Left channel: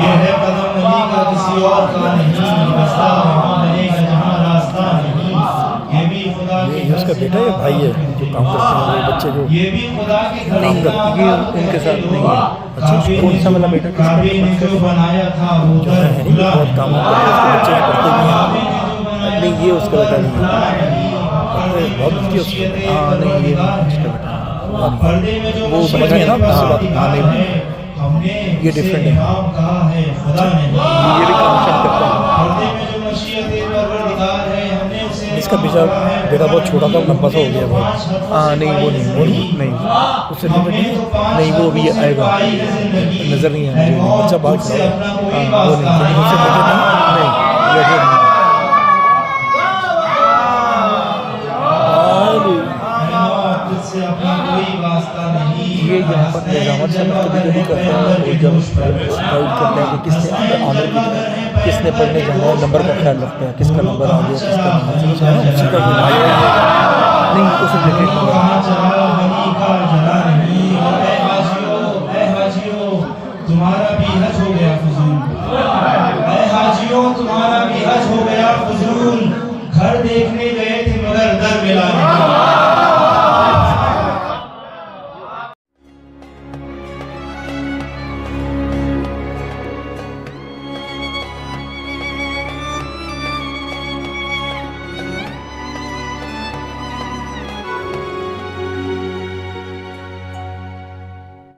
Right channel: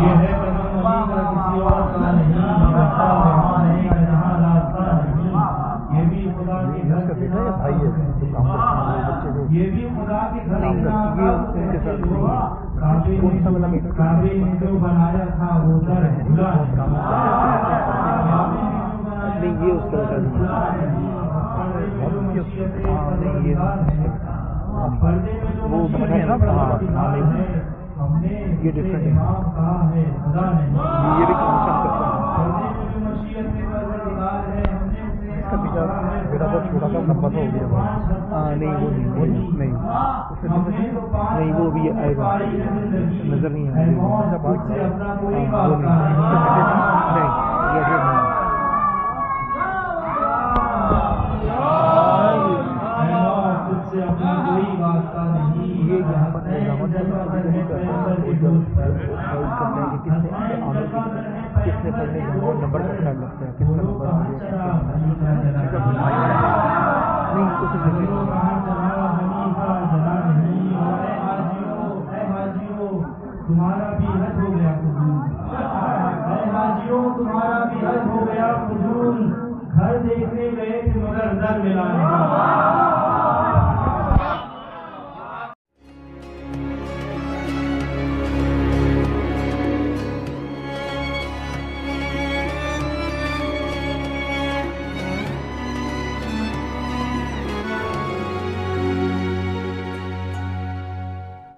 ये है कदम वली का किसी और का नहीं, रास्ता वहाँ बनेगा जहाँ रास्ता नहीं। ये भी खुदा की घर उसका से बेटा या भाई है जो काम करते हैं वो बच्चे जो ये भी खुदा के घर नहीं, से ये उनके साथ नहीं है। अच्छा, कौन सा वाला बेटा किसका? काबे ने जो बनाया था वो जो घर है नहीं खुला बहुत काम होता है उसके बच्चे पढ़ते भी हैं। नहीं, ये उसका बेटा नहीं है। बहुत अच्छी उसकी हाँ नहीं, ये नहीं उसका बेटा। पर्दे में जो वो मशीनें बच्चे हैं ना, दिखाता नहीं, है, हमने ये different है। नाम कहा है खुदा ने नहीं। ये भी काम शाम करता है। पर्दे में जो मशीयत परवरदिगार है, हमने उसे इसका बेटा बहुत छोटा था, लंबा सा हो गया बहुत। हाँ नहीं, वो नहीं उससे रिलेटेड नहीं, वो भी आएगा, नज़र नहीं है मुझे। अच्छा बात से अपना कोई हाँ, वो वास्ता नहीं, नहीं। नहीं, ये भी नहीं। तुझसे अपना कोई वास्ता नहीं। ये यहाँ पर निजामत से कभी करता है, और जब गाइड करते हैं कि किसने आने की, किसने पढ़ने जाना है, नंबर का ख्याल रखते हैं, किसका नंबर आ गया, किसका नहीं। उसी का नहीं, उस रिलेटेड